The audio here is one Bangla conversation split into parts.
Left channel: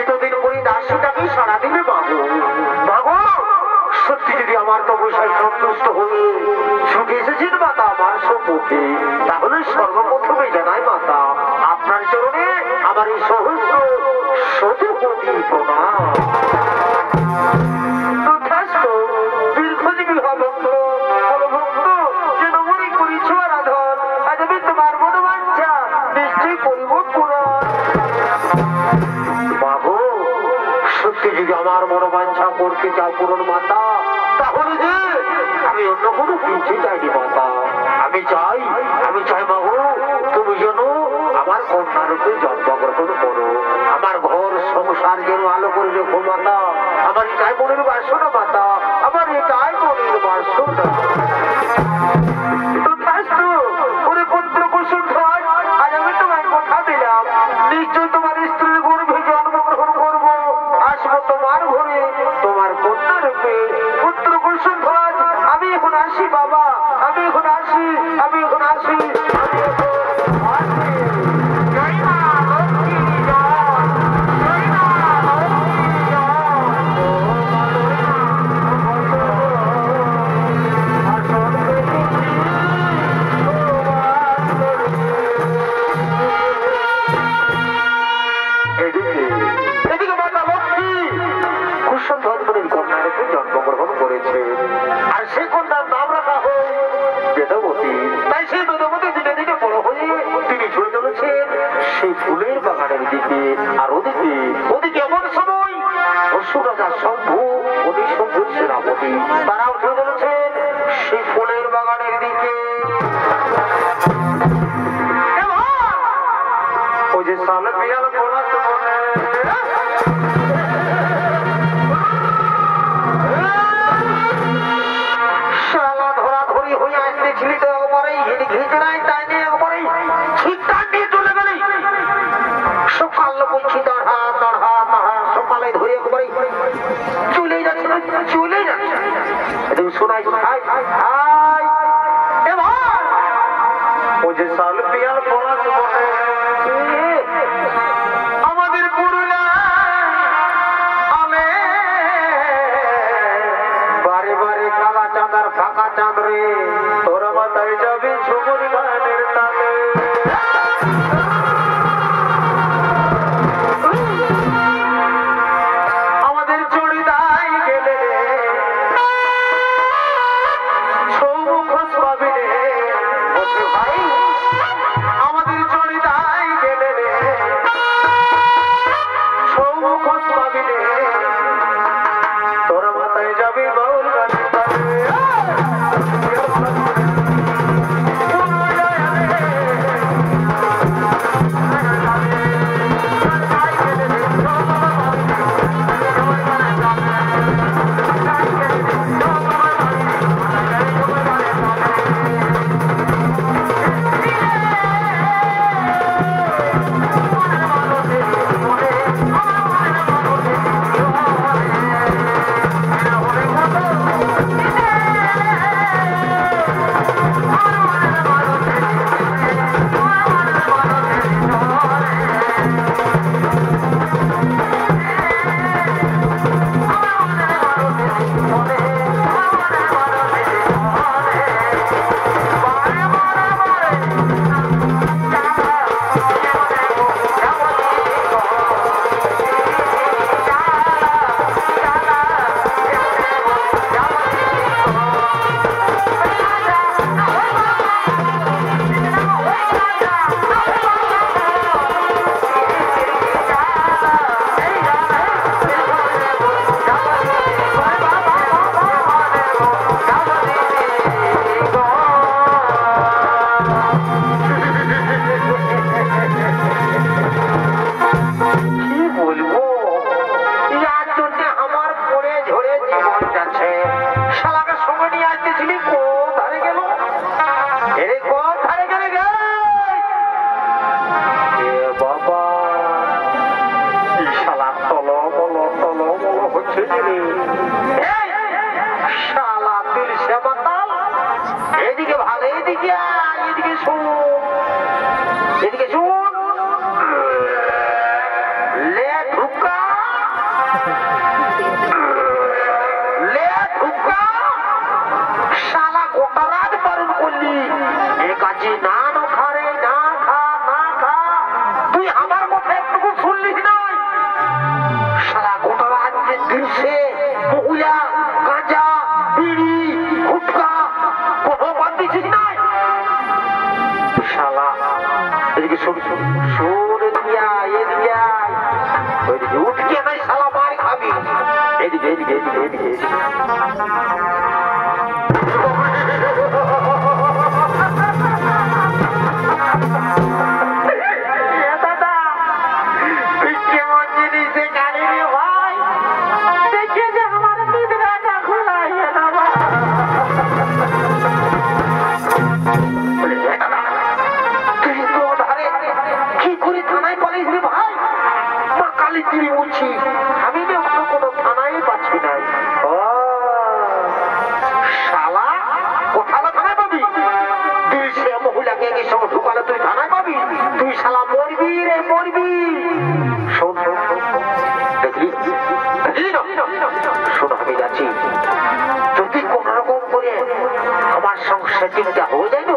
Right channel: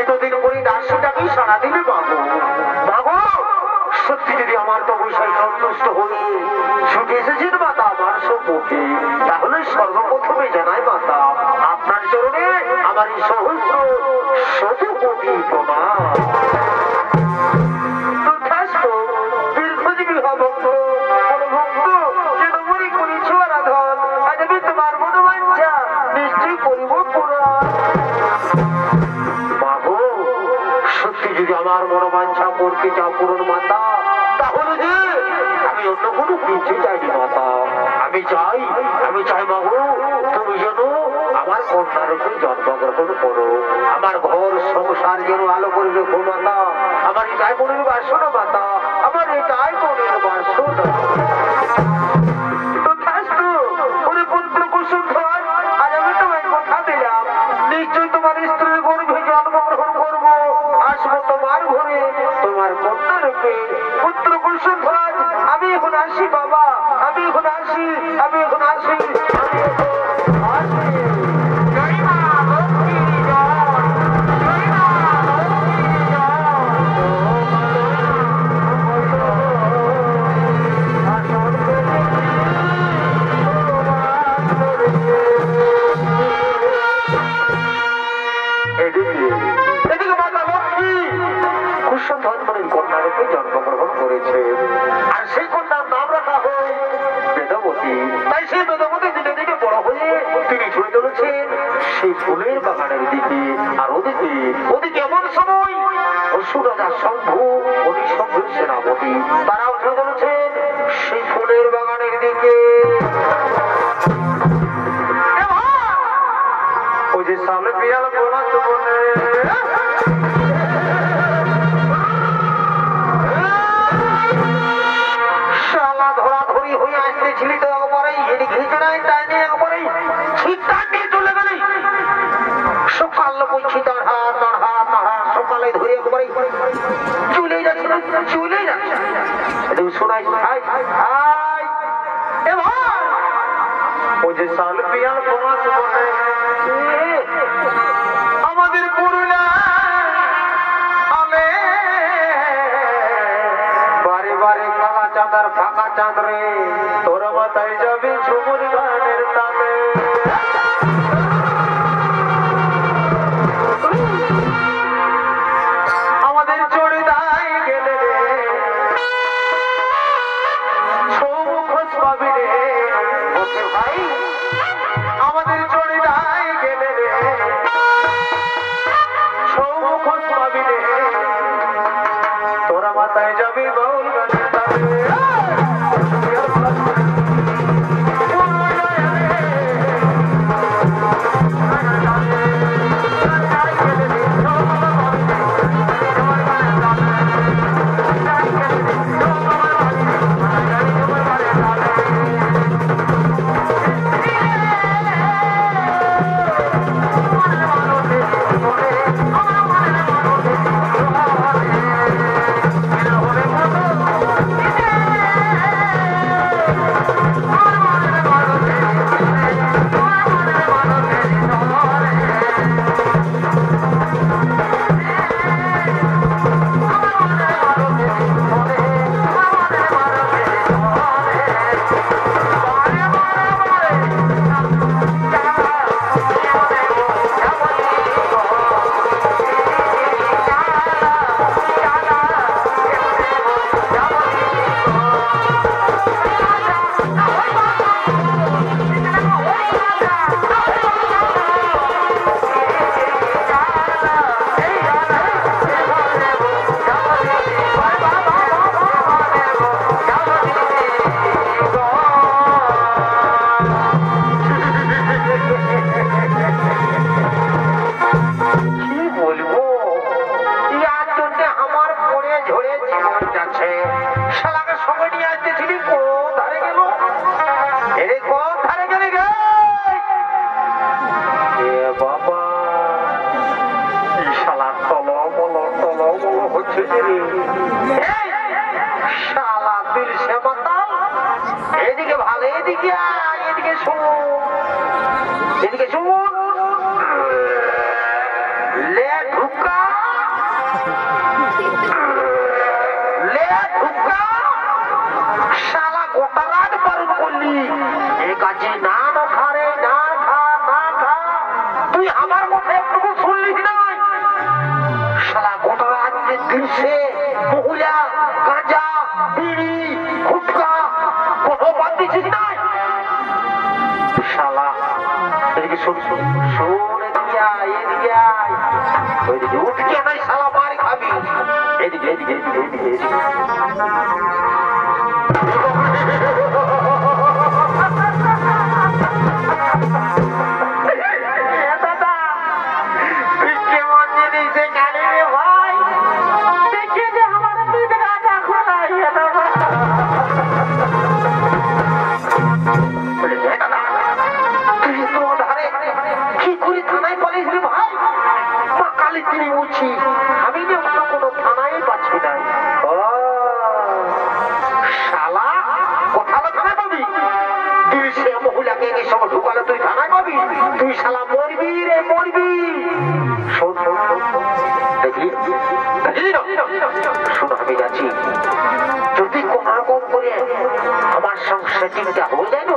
এতদিন পরে দাসীটাকে সারা দিলে মাগো মাগো সত্যি যদি আমার তো বৈশাখ সন্তুষ্ট হয়ে ছুটে এসেছেন মাতা আমার সম্মুখে, তাহলে সর্বপ্রথমে জানাই মাতা আপনার চরণে আমার এই সহস্র শত কোটি প্রণাম। দীর্ঘজীবী ভক্ত ভক্ত যেন মনে করেছ আরাধন, আজ আমি তোমার মনোবাঞ্ছা নিশ্চয়ই করিব পূরণ। মাগো সত্যি যদি আমার মনোবাঞ্ছা করতে চাও পূরণ মাতা, তাহলে যে আমি অন্য কোনো কিছু চাইনি মাতা। আমি চাই মাগো তুমি যেন আমার কন্যারূপে জন্মগ্রহণ করো, আমার ঘর সংসার যেন আলো করে রেখো মাতা। আমার এটাই মনের বাসনা মাতা, আমার এটাই মনের বাসনা। আজ আমি তোমায় কথা দিলাম নিশ্চয়ই তোমার স্ত্রীর গর্ভে জন্মগ্রহণ করবো, আসবো তোমার ঘরে তোমার কন্যা রূপে পুত্র কুসুমধ্বজ। আমি এখন আসি বাবা, আমি এখন আসি। জন্মগ্রহণ করেছে আর সেই কন্যার নাম রাখা হয় বেদবতী। তাই সেই বেদবতী দিনে দিনে বড় হয়ে তিনি ছুটে চলেছেন সেই ফুলের বাগানের দিকে। আর ওদিকে এমন সময় অসুরাজা শম্ভু উনি শম্ভুর সেনাপতি তারা উঠে চলেছেন সেই ফুলের বাগানের দিকে। ওই যে সামনে পিয়াল বোনাস বনে সকালে ধরে একবারে চলে যাচ্ছে শোনাই ও যে সাল পিয়াল বোনাস বনে আমাদের পুরুলা আলে বারে বারে কালা চাঁদার ফাঁকা চাঁদরে তোরা মাথায় যাবে ঝুমুর গানের তালে। আমাদের চড়িদাই গেলে রে সৌমুখ পাবি রে ভাই, আমাদের চড়িদাই গেলে রে সৌমুখ পাবি রে তোরা মাথায় যাবি গৌর গানের তালে। এদিকে ভালো এদিকে এদিকে শুন লে ঢুকা বললি এ কাজে না না খা রে, না খা না খা। তুই আমার কথা একটুকু শুনলিস নাই? শালা গোটা রাজ্যের দৃশ্যে মহুয়া, গাঁজা, বিড়ি, গুটকা কোনো বাদ দিছিস নাই? শালা এদিকে শোন শোন শোন, এদিকে আয়, এদিকে আয়। ওইদিকে উঠকে নাই শালা, মার খাবি। এদিকে এদিকে এদিকে এদিকে এদিকে। দাদা তুই কেমন জিনিস গাড়ি রে ভাই, দেখে যে আমার নিদ্রাটা ঘুমাইয়ে দেবে। তুই তো ধারে কি করে থানায় পালিস রে ভাই? মা কালী তিনি উঠছি, আমি না কোনো থানায় পাচ্ছি না। শালা কোথাও থানায় পাবি? তুই সে মহিলাকে এই সময় ঢুকালে তুই থানায় পাবি? তুই শালা মরবি রে, মরবি। শোন শোন শোন, দেখলি দেখলি না? শোন আমি যাচ্ছি, যদি কোন রকম করে আমার সঙ্গে সেটিংটা হয়ে যায় না,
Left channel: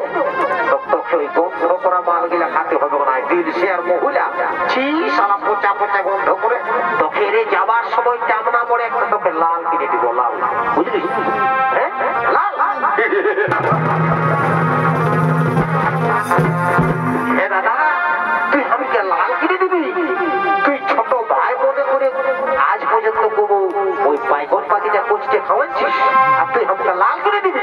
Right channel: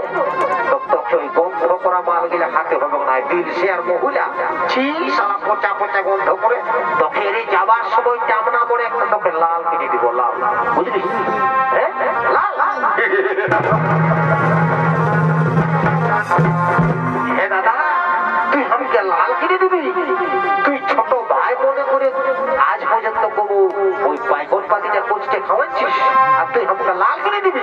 তোকে ওই গন্ধ করা মালগুলা খাতে হবে না। দিল সে আর মহিলা ছি সারা পচা পচা গন্ধ করে তোকে রে যাবার সময় চামড়া পরে একটা তোকে লাল কিনে দিব, লাল, বুঝলি? হ্যাঁ লাল। দাদা তুই আমাকে লাল কিনে দিবি? তুই ছোট ভাই মনে করে আজ পর্যন্ত কবু ওই বাইকন পাতিটা কোচকে খাওয়াচ্ছিস, আর তুই আমাকে লাল কিনে দিবি?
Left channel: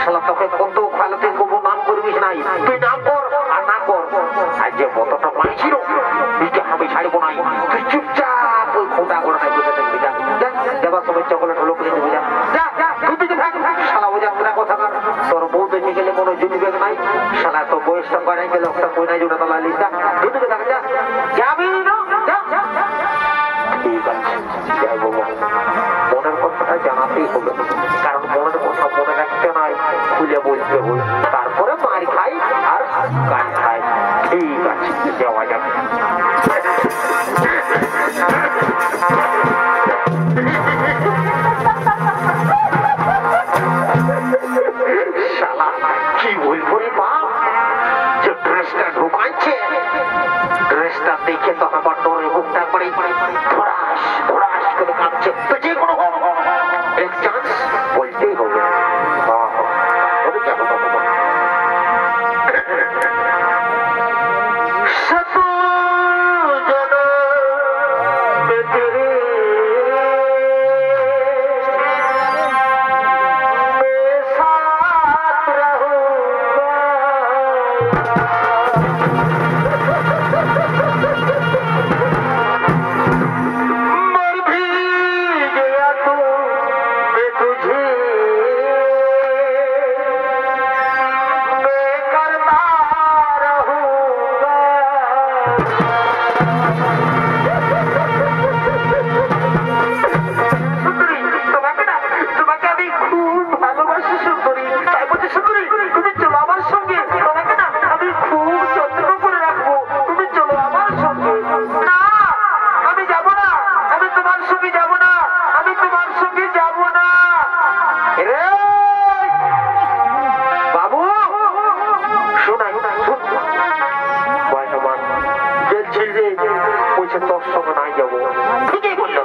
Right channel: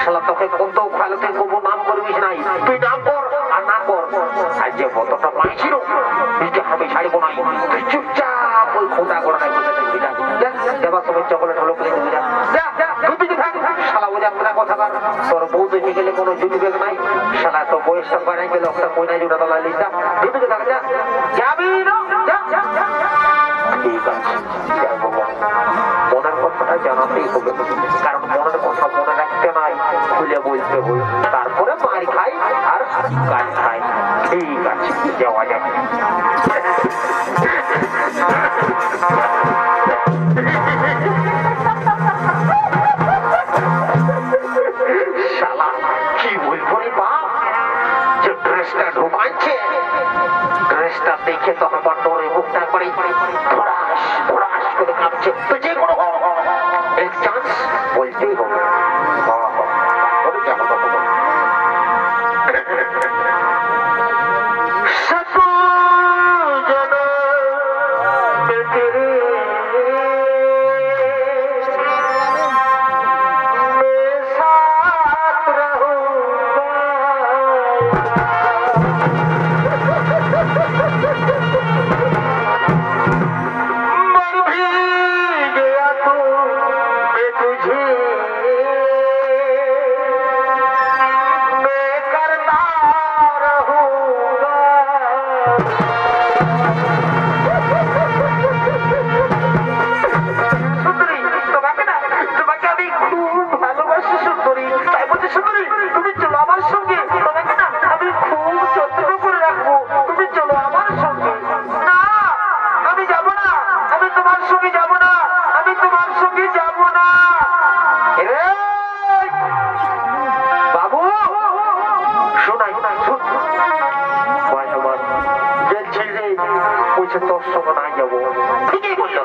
শালা তোকে কত ভালো তুই কবু নাম করবিস নাই। তুই নাম কর আর নাম কর, আর যে কতটা পাইছিল তুইকে আমি ছাড়বো নাই। তুই চুপচাপ ওই খোটা গোড়া বসে থাকবি। যাবার সময় চকলেট হলো করে দেবো, যা যা দুদিকে থাক। শালা বলে আমরা কথা না, তোর বউ দেখে গেলে কোনো জুটি বেগ নাই। শালা তো বয়সটা বানাই গেলে একটা কইনা জুটা তোলা লিখা দুদিকে থাক, যা যাবি না, যা। ঠিক আছে যাই বাবা, মনের কথাটা জানাতেই হবে, কারণ মনের কথা মনে রাখতে নাই, খুলে বলতে হবে। তারপরে মার খাই আর গান খাই। ঠিক আছে যাওয়া যাক। শালা কি বলবো রে বাপ, যে ড্রেসটা ঢুকাচ্ছে, ড্রেসটা দেখে তো আমার ডরে বুকটা করে ধরাস ধরাস করে কাঁপছে। তো যে কোনো এক চান্স বলতেই হবে। তোর সঙ্গে নাই যাবো, খুঁজে বললো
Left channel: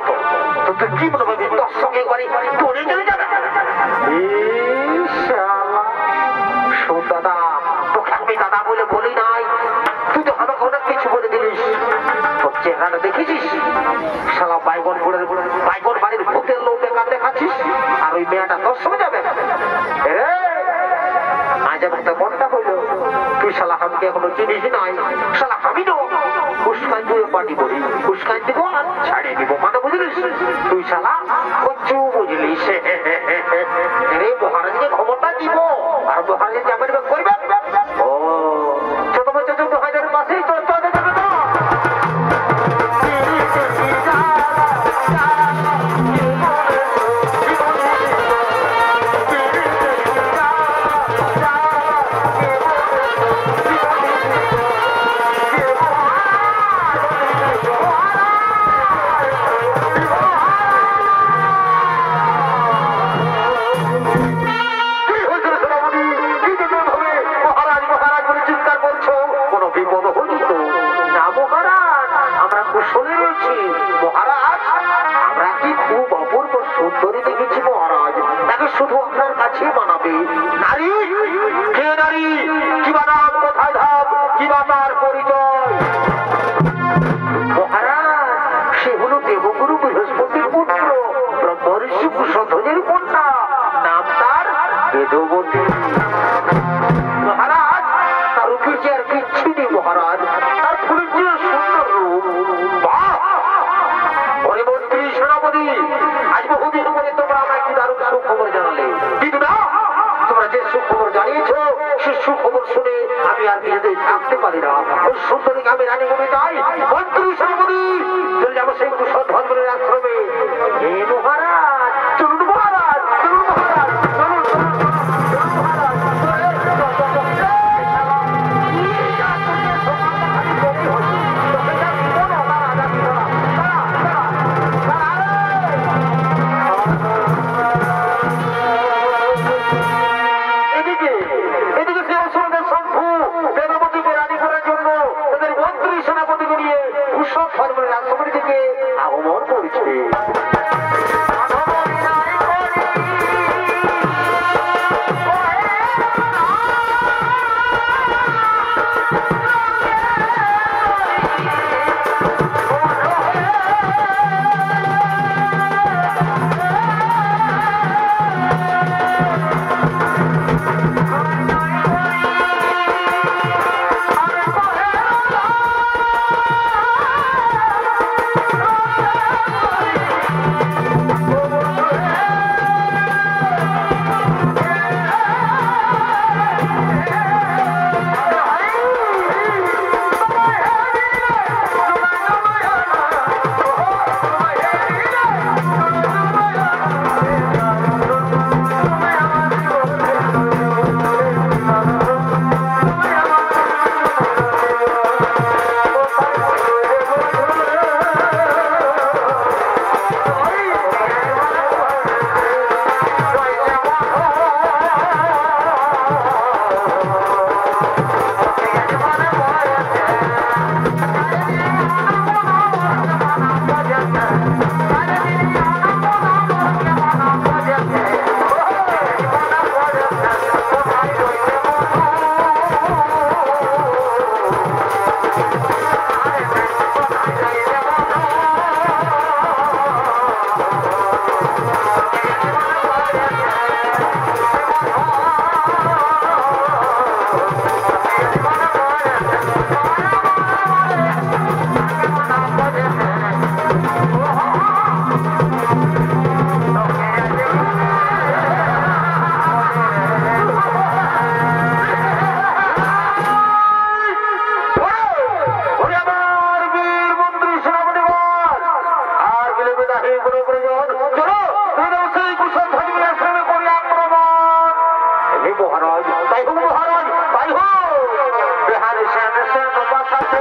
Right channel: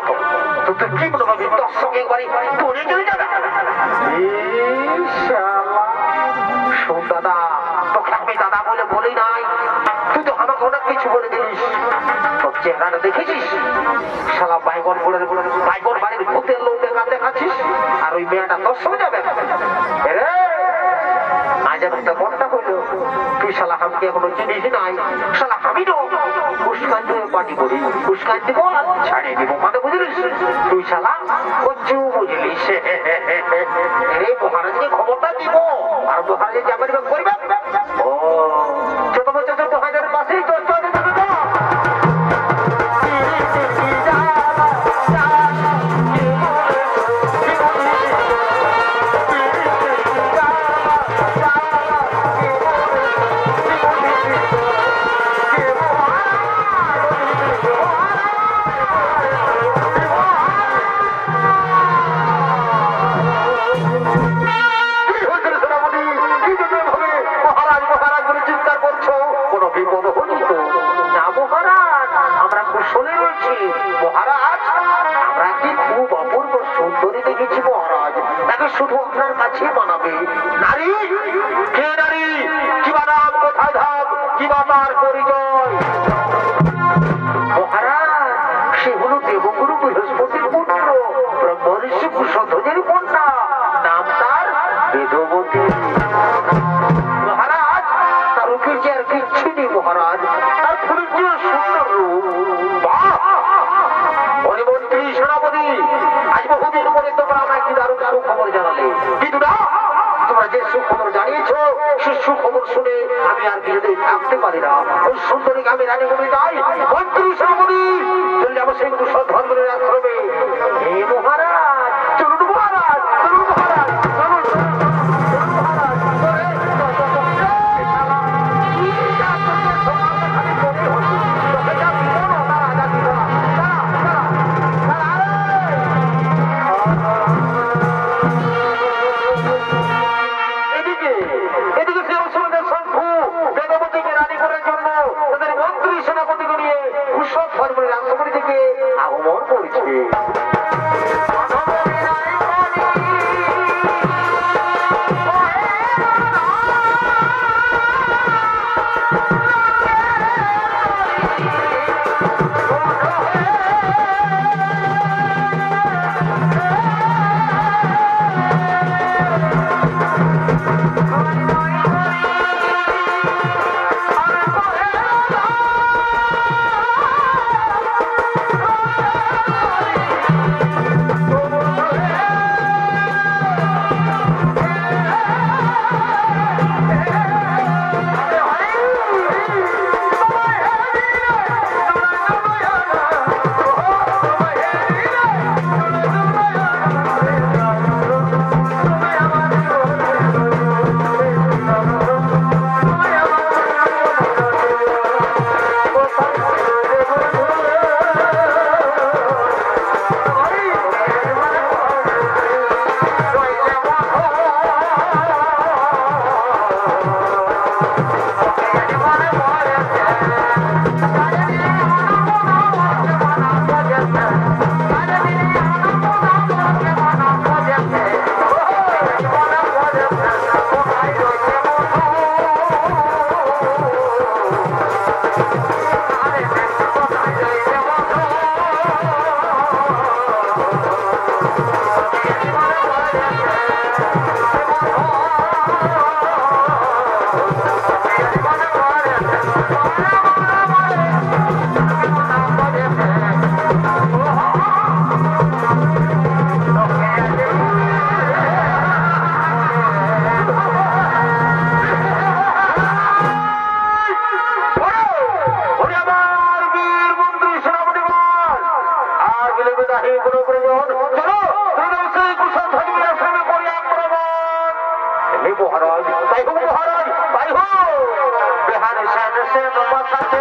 তো তুই কি বলবো তোর সঙ্গে করে করে চলে যাবে। শোন দাদা, তোকে আমি দাদা বলে বলি নাই, তুই তো আমাকে অনেক কিছু বলে দিলিস। তোর চেহারাটা দেখেছিস, শালা বাইগন বাইগন বাড়ির ভূতের লোক দেখাচ্ছিস, আর ওই মেয়েটা তোর সঙ্গে যাবে। আজ একটা ঘন্টা হইল তুই শালা আমাকে এখনো চিনিস নাই। শালা আমি তো ফুসকাই দিয়ে পার্টি করি, ফুসকাই দিব ছাড়িয়ে দিব, মানে বুঝলিস? তুই শালা কচ্ছু বুঝলিস। রে মহারাজকে খবরটা দিব, আর মহারাজ যাবে করবে। ও ছোট বছর 14,000 পাশেই তো আসলে রয়েছে মহারাজ। আমরা কি খুব অপূর্ব সুন্দরী দেখেছি মহারাজ, তাকে শুধু আপনার কাছে বানাবে। নারী কে নারী, কি বানাম, কোথায় ধাম, কি বাবার পরিচয়? মহারাজ সে হলো দেবগুরু বৃহস্পতির পুত্র ব্রহ্মঋষি কুশধ্বজের কন্যা, নাম তার বেদবতী। মহারাজ তার রূপের যে আর কিচ্ছু নেই মহারাজ, তার ফুলের যে সুন্দর রূপ। বাহ! মন্ত্রী সেনাপতি, আজ বহুদিন পরে তোমরা আমাকে দারুণ সুখবর জানালে, কিন্তু না, তোমরা যে সুখবর জানিয়েছ সে সুখবর শুনে আমি আর কিছুতেই থাকতে পারি না। ওই সুন্দরীকে আমি রানী করে যাই। মন্ত্রী সেনাপতি চলে যাবো সেই কুশধ্বজের আশ্রমে। হে মহারাজ, চলুন মহারাজ, চলুন মহারাজ, চলুন চলুন চলুন মহারাজ। আগমন করছে। মহারাজ তাই হোক, মহারাজ তাই হোক। বিহারে শ্যাম শ্যাম বাসাতে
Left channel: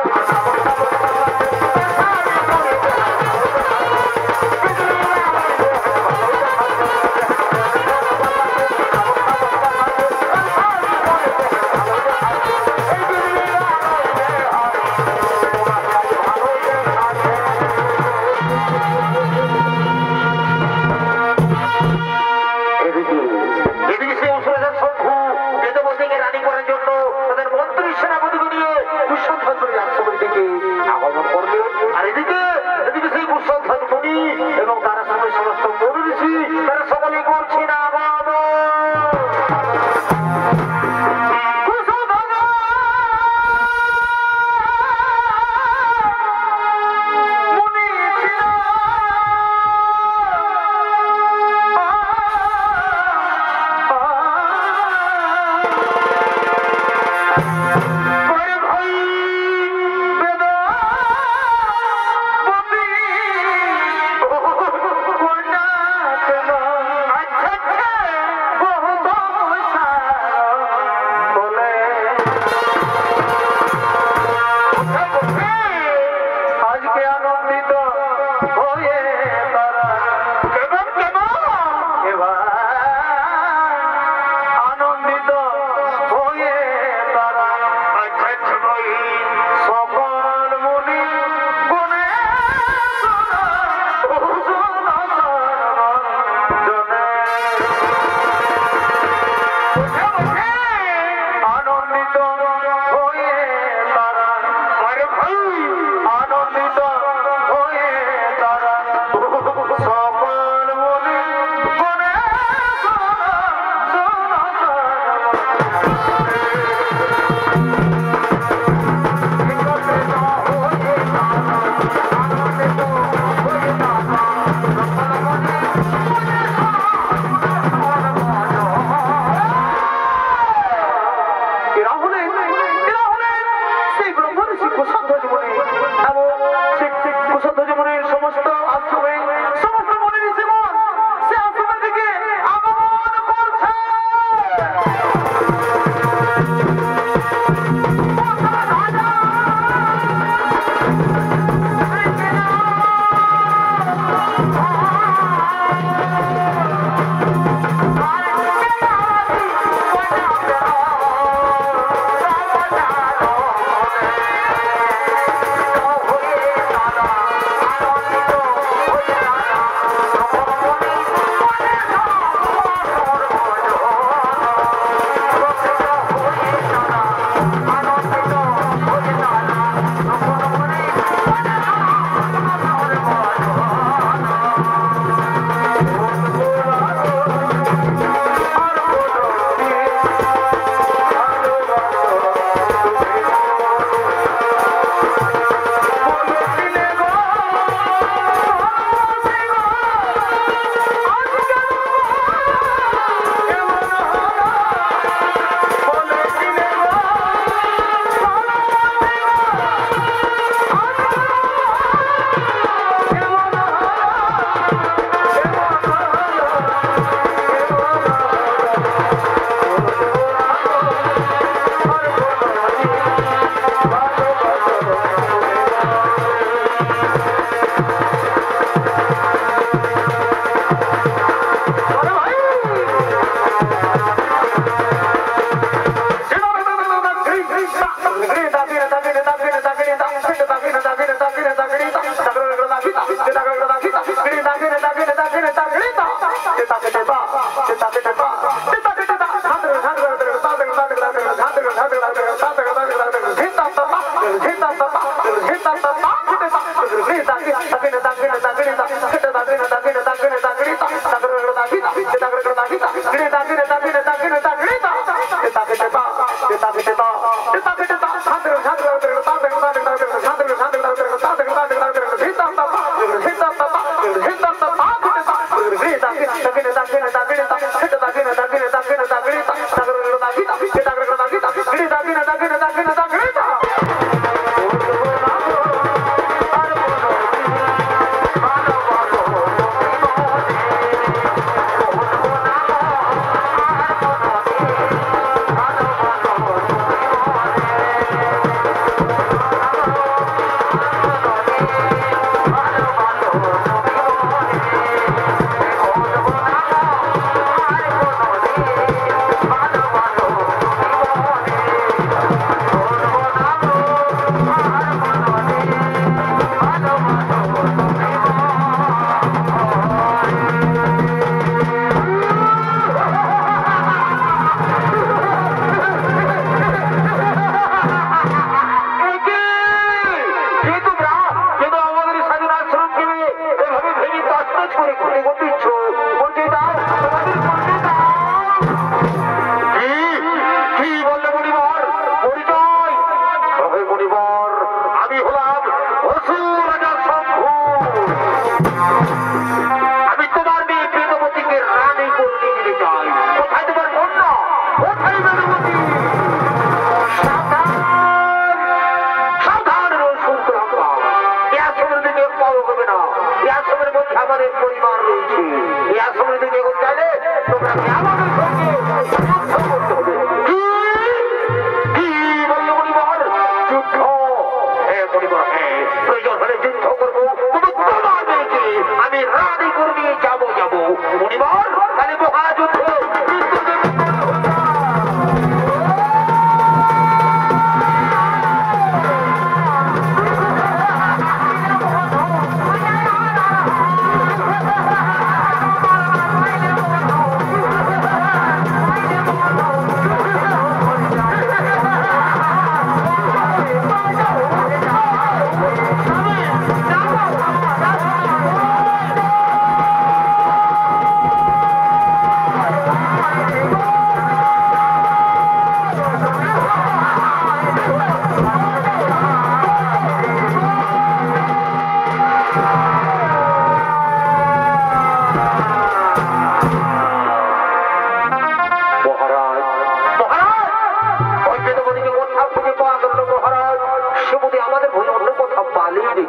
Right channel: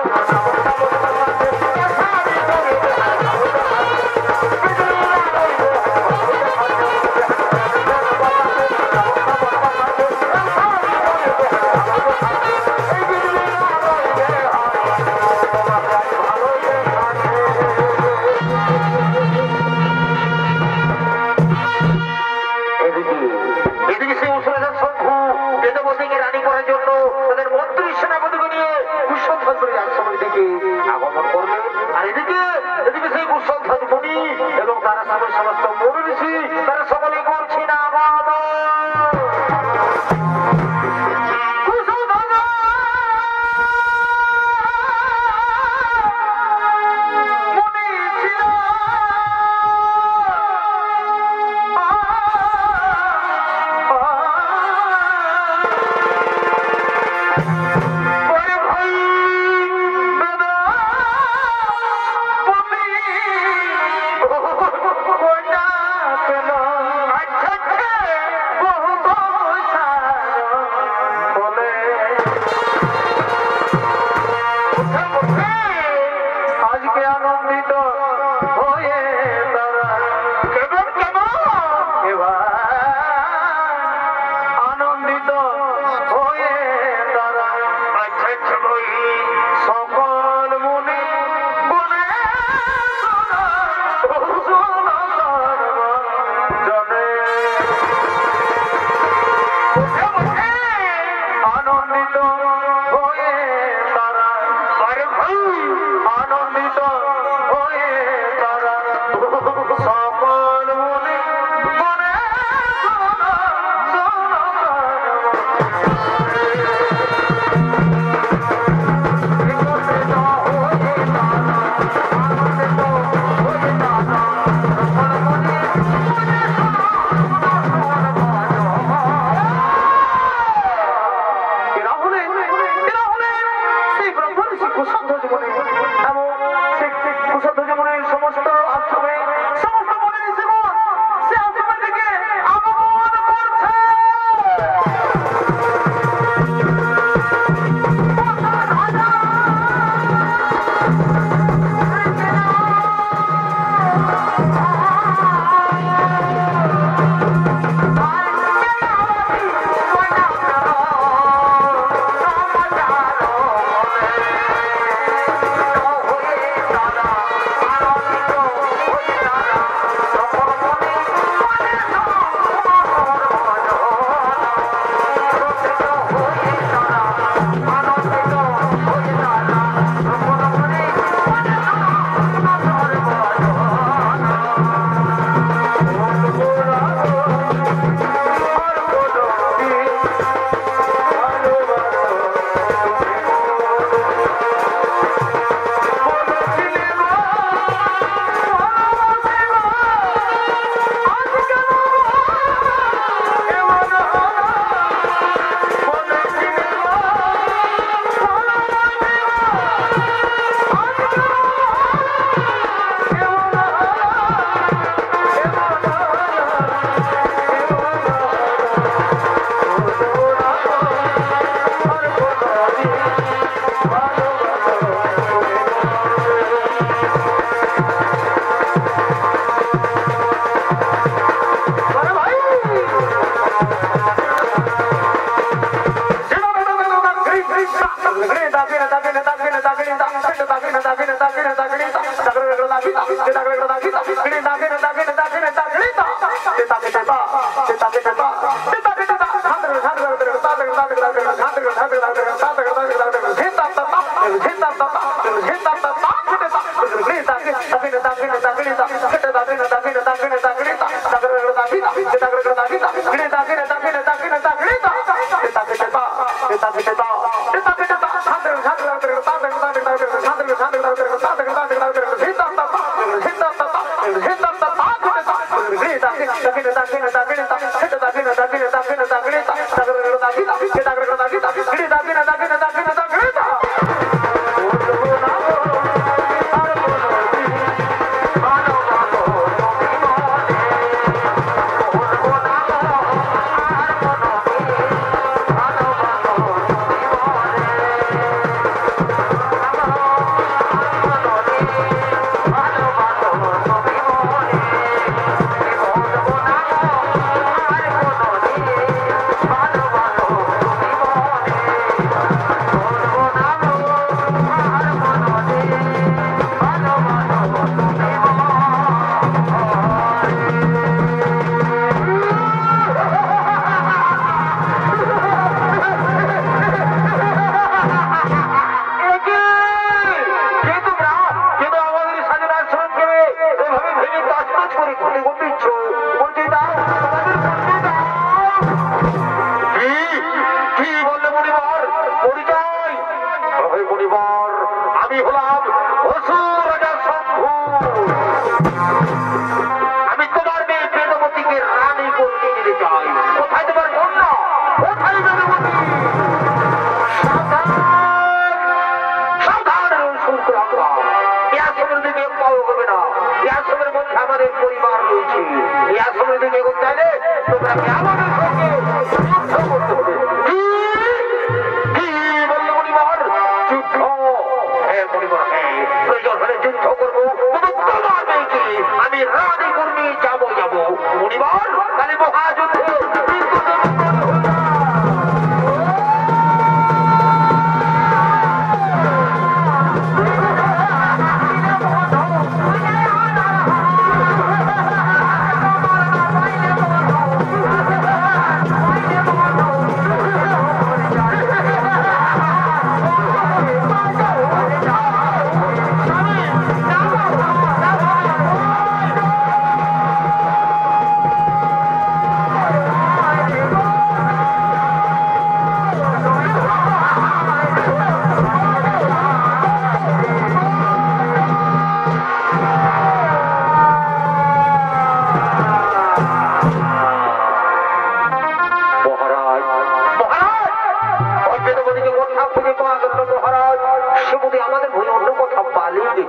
আগমন করলেন। আর এদিকে এদিকে সেই কুশধ্বনি এবং তারা সমস্ত মনীষী তারা সকলে করছে না সকল মুনি গুণে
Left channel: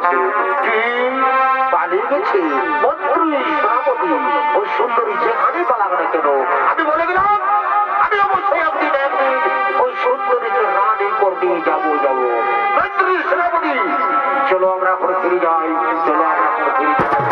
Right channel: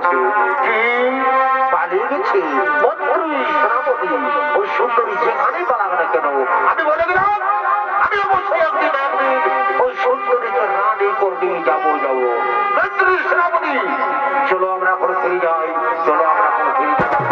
গেছে। কি পালিয়ে গেছে? মন্ত্রী সেনাপতি ওই সুন্দরী যেখানে পালাবে না কেন, আমি বলে গেলাম আমি অবশ্যই একদিন ওই সুন্দরীকে রানী করতে যাবো। মন্ত্রী সেনাপতি চলো আমরা এখন ফিরে যাই, চলো আমরা এখন ফিরে যাই।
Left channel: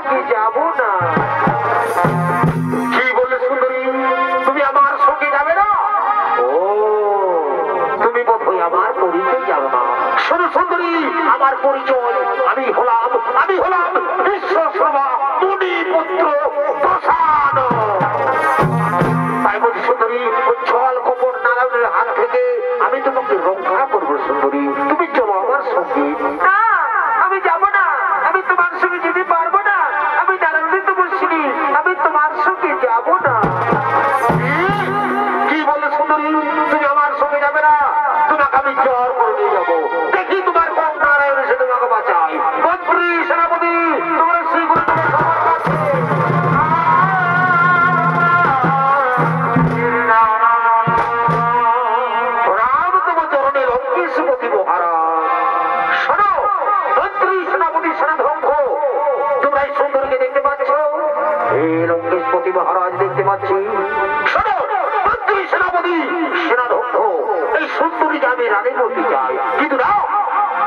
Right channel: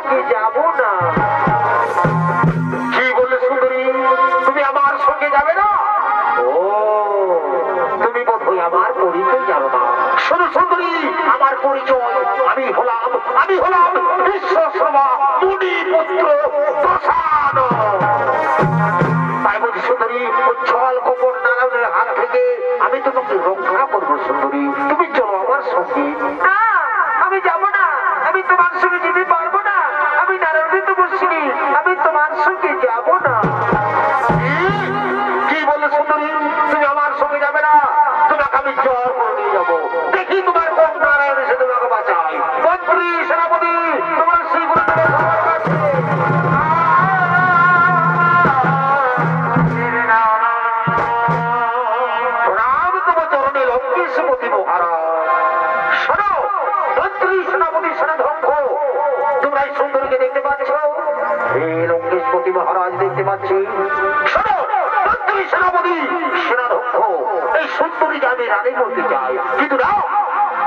সঙ্গে যাব না। কি বললে সুন্দরী, তুমি আমার সঙ্গে যাবে না? ও, তুমি বোধহয় আমার পরিচয় জানো না। শোনো সুন্দরী, আমার পরিচয়, আমি হলাম বিশ্বশর্মা মুনি পুত্র প্রসাদ। তাই বলছি সুন্দরী, উচ্ছল কপট নারায়ণের হাত থেকে আমি তোমাকে রক্ষা করবো সুন্দরী, তুমি চলো আমার সঙ্গে। না, আমি যাব না, আমি তোমার সঙ্গে যেতে পারবো না, আমি নারায়ণী তো বলছিনি, আমি তোমার সঙ্গে যাব না। কি বলো সুন্দরী, তুমি আমার সঙ্গে যাবে না? তোমাকে আমি জ্বর করে নিয়ে যাবো, দেখি তোমার কোন প্রাণে এসে তোমাকে বাঁচাই। মন্ত্রী, সেনাপতি, তোমার শ্রীগুরু রাম তোমার চরণে লঙ্কেশপতি মহারাজ। শোনো মন্ত্রী, সেনাপতি, সেনাধ্যক্ষ, তোমরা এই সুন্দরীকে দেখতে পাচ্ছ? হে লঙ্কেশপতি মহারাজ, দেখতে পাচ্ছি। শোনো মন্ত্রী, সেনাপতি, সেনাধ্যক্ষ, এই সুন্দরীকে আমি রানী করতে চাই, কিন্তু না,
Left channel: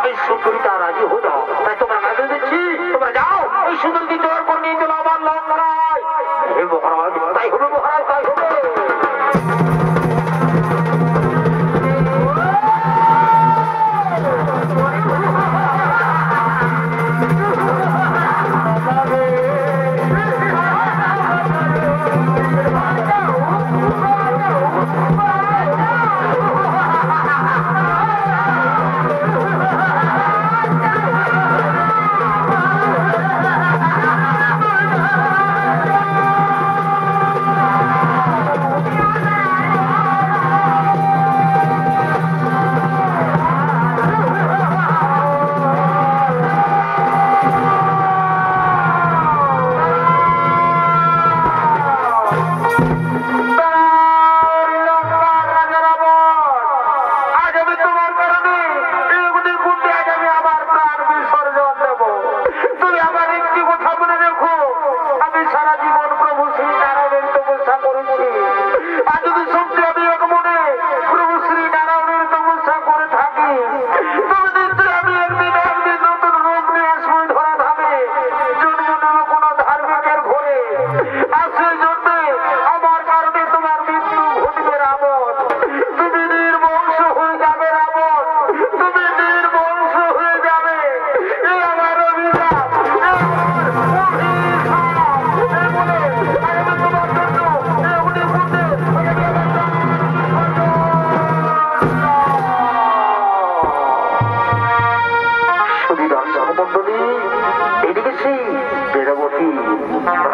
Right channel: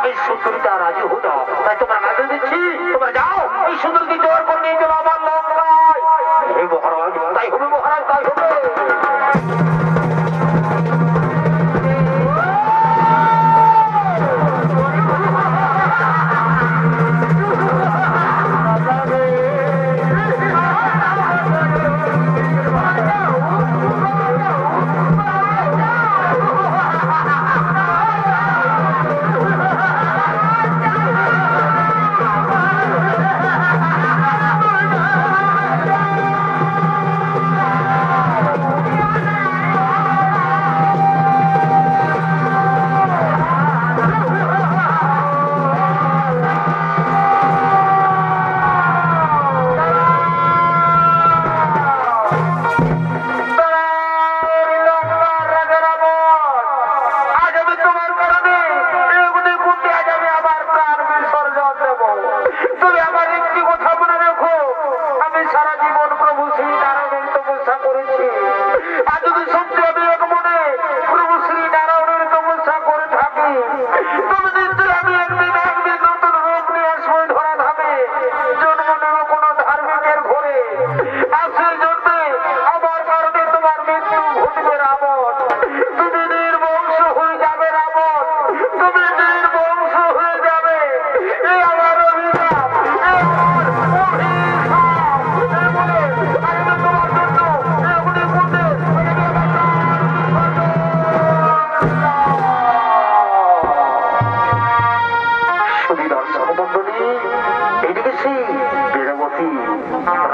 এই সুন্দরীটা রাজি হো না। তাই তোমরা কাজে দিচ্ছি, তোমরা যাও এই সুন্দরীকে জোর করে নিয়ে চলো আমার লঙ্কায়। হে মহারাজ, তাই হবে মহারাজ, তাই হবে।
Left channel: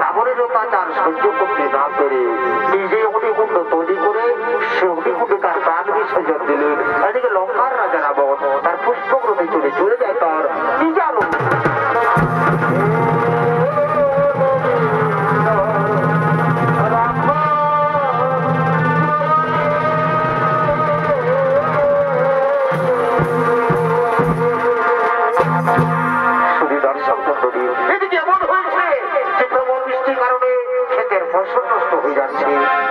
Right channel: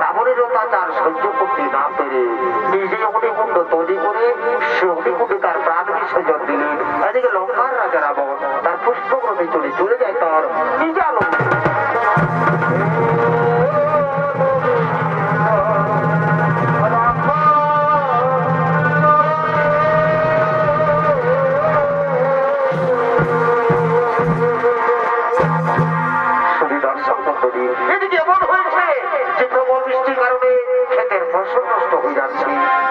রাবণের অত্যাচার সহ্য করতে না পেরে নিজে অগ্নিকুণ্ড তৈরি করে সে অগ্নিকুণ্ডে তার প্রাণ বিসর্জন দিলেন। এদিকে লঙ্কার রাজা রাবণ তার পুষ্পক্রমে চলে যায় তার নিজার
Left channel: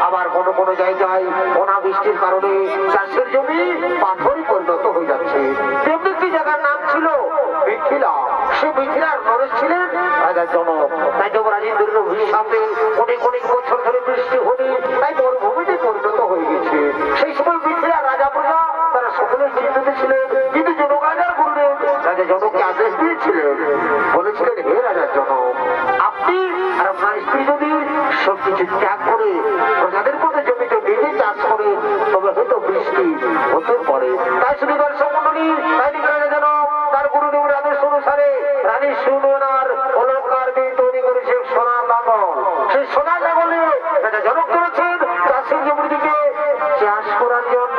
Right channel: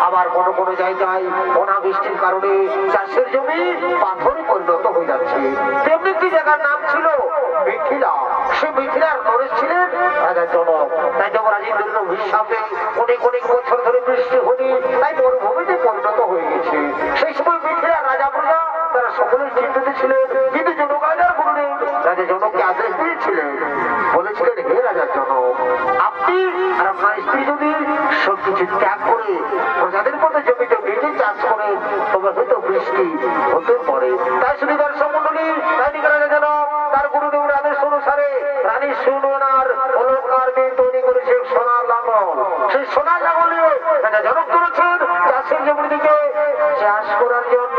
আবার কোনো কোনো জায়গায় অনাবৃষ্টির কারণে চাষের জমি পাথরে পরিণত হয়ে যাচ্ছে। তেমনি একটি জায়গার নাম ছিল মিথিলা। সে মিথিলার নরেশ ছিলেন রাজার জনক। তাই তো রাজেন্দ্রের অভিশাপে অনেক অনেক বছর ধরে বৃষ্টি হয়নি, তাই মরুভূমিতে পরিণত হয়ে গেছে। সেই সময় মিথিলার রাজা প্রজা তারা সকলেই চিন্তিত ছিলেন, কিন্তু জনক রাজার গুরুদেব রাজা জনককে আদেশ দিয়েছিলেন, বলেছিলেন, হে রাজার জনক, আপনি আর আপনার স্ত্রী যদি সবকিছু ত্যাগ করে প্রজাদের মতো জমিতে নিজে চাষ করে তবে হয়তো বৃষ্টি হতে পারে। তাই শুধু দর্শক মন্ডলী, তাই রাজা যেন তার গুরুদেবের আদেশ অনুসারে রানী সুনয়নার অলঙ্কার দিয়ে তৈরি করেছে সোনার লাঙল। সেই সোনার লাঙলে রাজা জনক করেছেন চাষের জমির দিকে চাষ করার জন্য।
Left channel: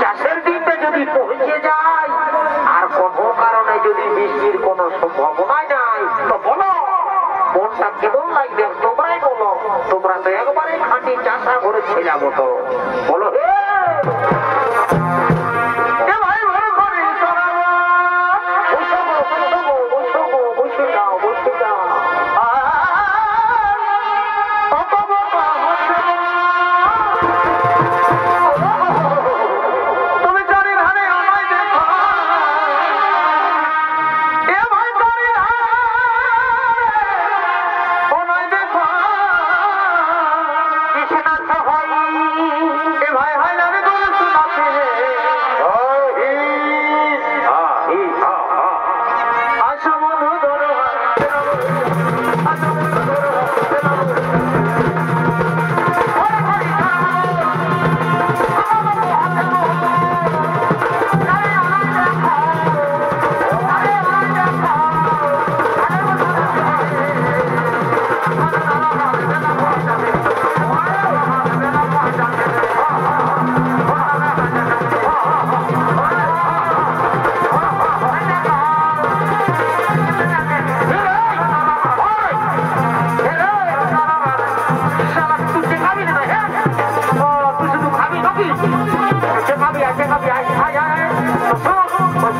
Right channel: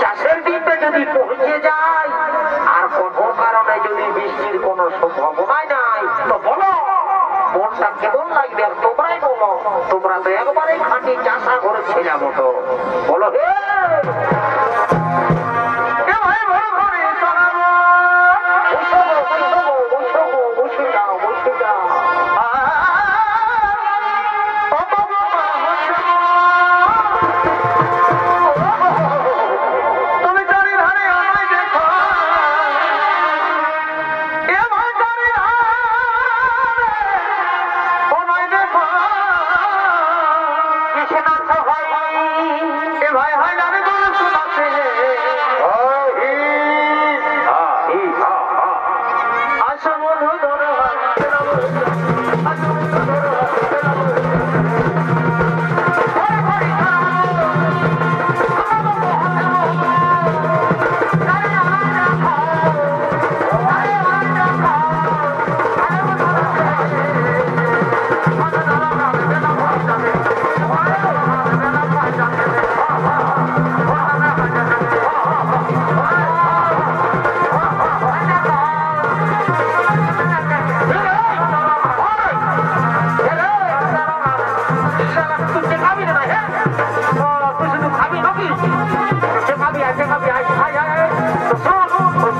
চাষের দিনটা যদি পৌঁছে যায় আর কোনো কারণে যদি বৃষ্টির কোন সম্ভাবনাই নাই, তো বলো মনটা কেমন লাগবে তোমরাই বলো। তোমরা তো একবারে খাঁটি চাষা করে ছেলে মতো বলো। হে ভাই,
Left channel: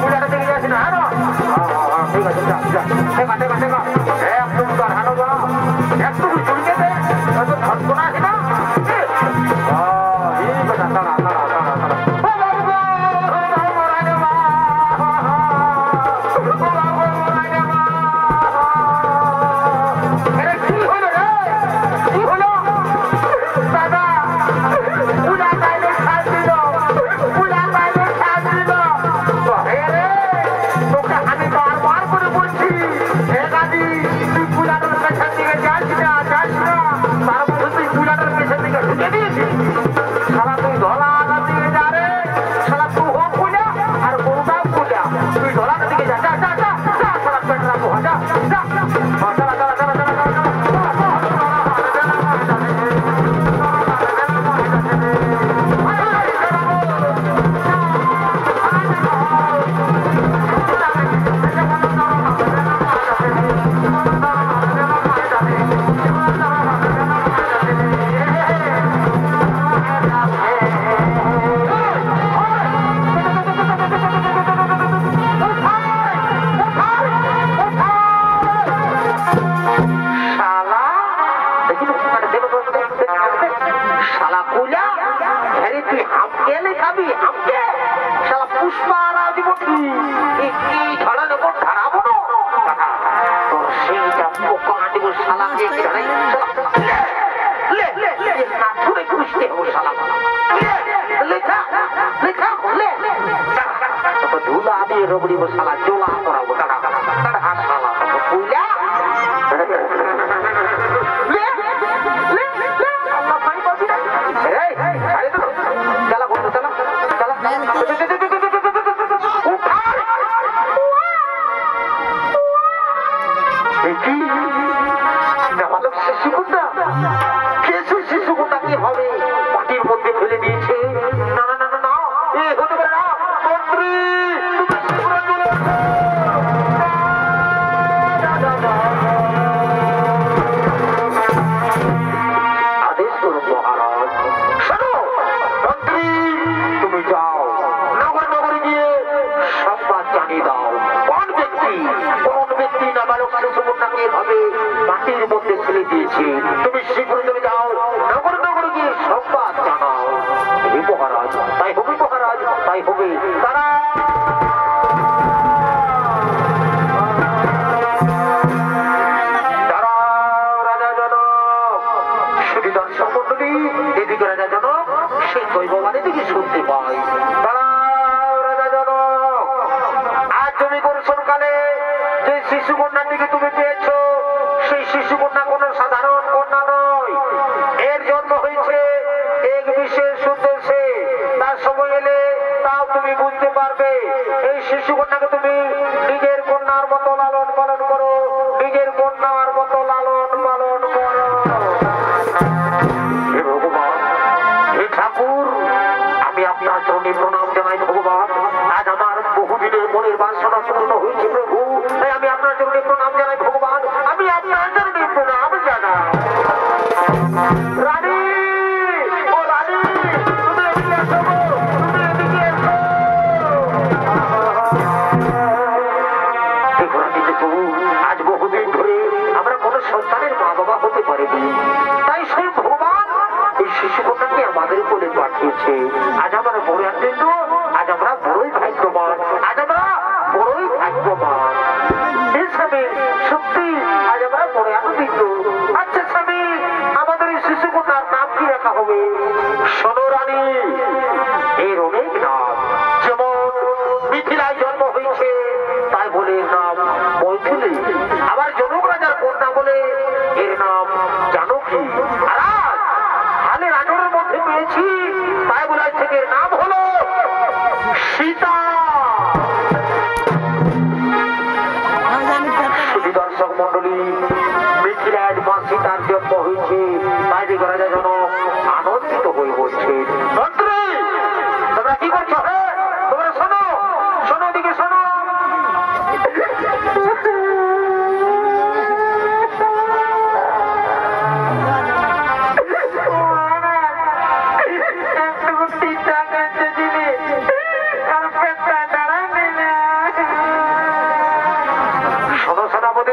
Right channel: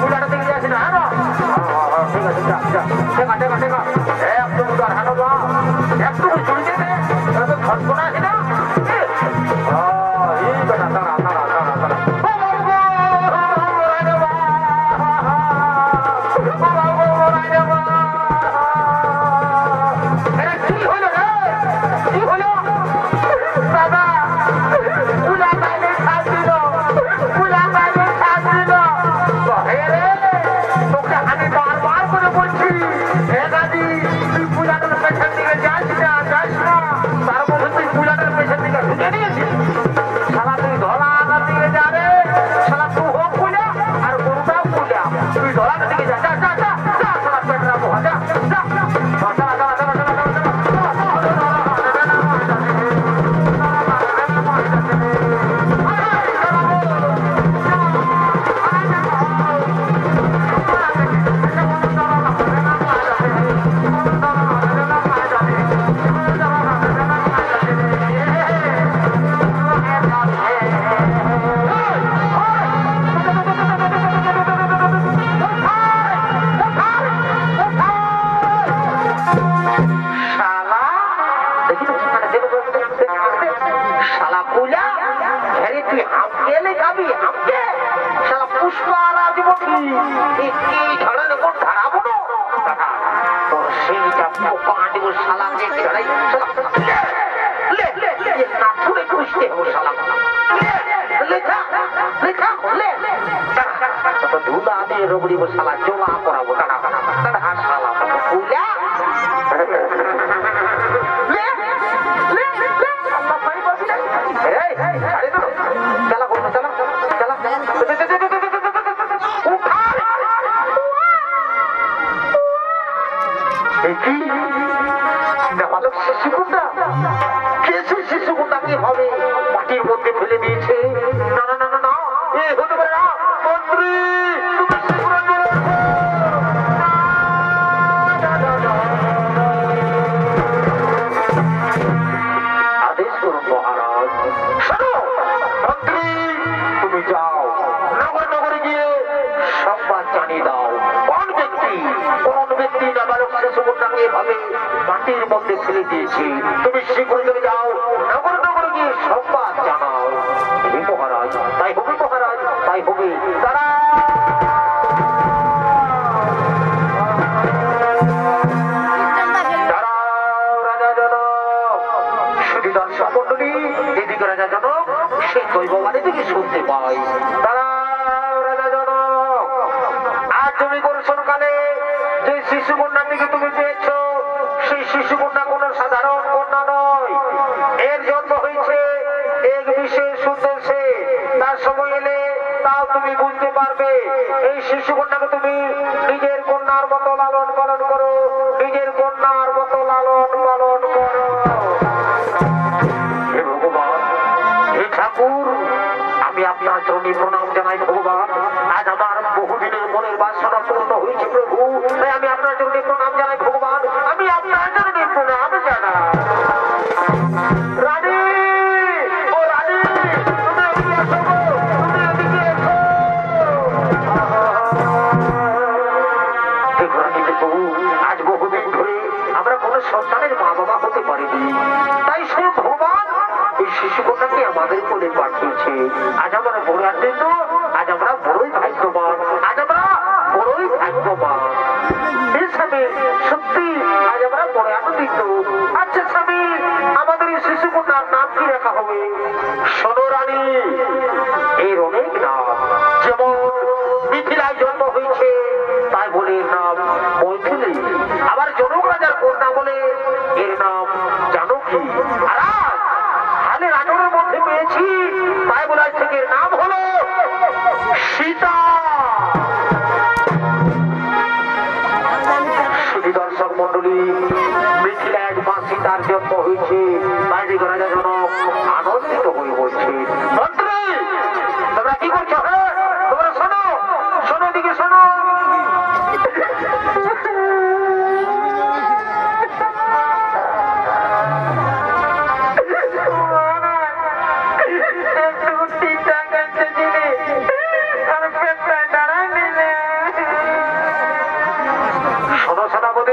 পূজাটা দেখে যাচ্ছি না হ্যাঁ ঠিক আছে যা যা টেকা টেকা টেকা একদম তো হানো যা একটু চুরি যেতে তো থাকবো না আসি না বেটা তারা তারা তারা তারা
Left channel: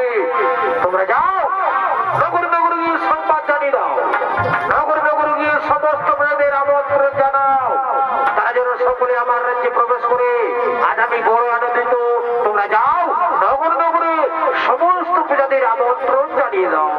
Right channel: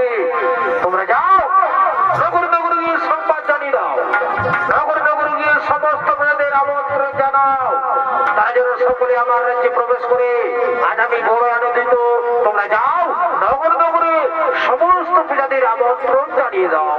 করে তোমরা যাও নগর নগর গিয়ে সংবাদ জানিয়ে দাও, নগর নগর গিয়ে সমস্ত প্রজাদের আমন্ত্রণ জানাও, তারা যেন সকলে আমার রাজ্যে প্রবেশ করে। আজ আমি বড় আনন্দিত। তোমরা যাও নগর নগরে সমস্ত প্রজাদের আমন্ত্রণ জানিয়ে দাও।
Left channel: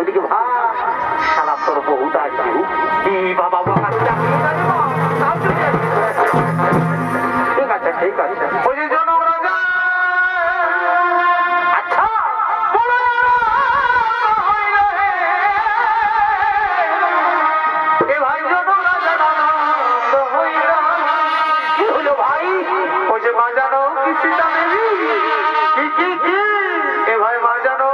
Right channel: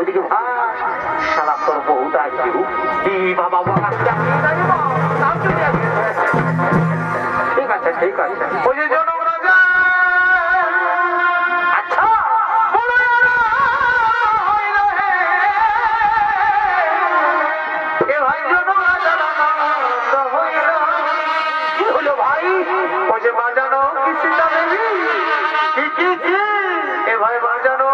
ওদিকে সারা তোর বহুত আছে বাবা ঠিক আছে ঠিক আছে। ওই যে জনক রাজা আচ্ছা ভাই জনক রাজা কি হলো ভাই? ওই যে মা জানো এ ভাই মা জানো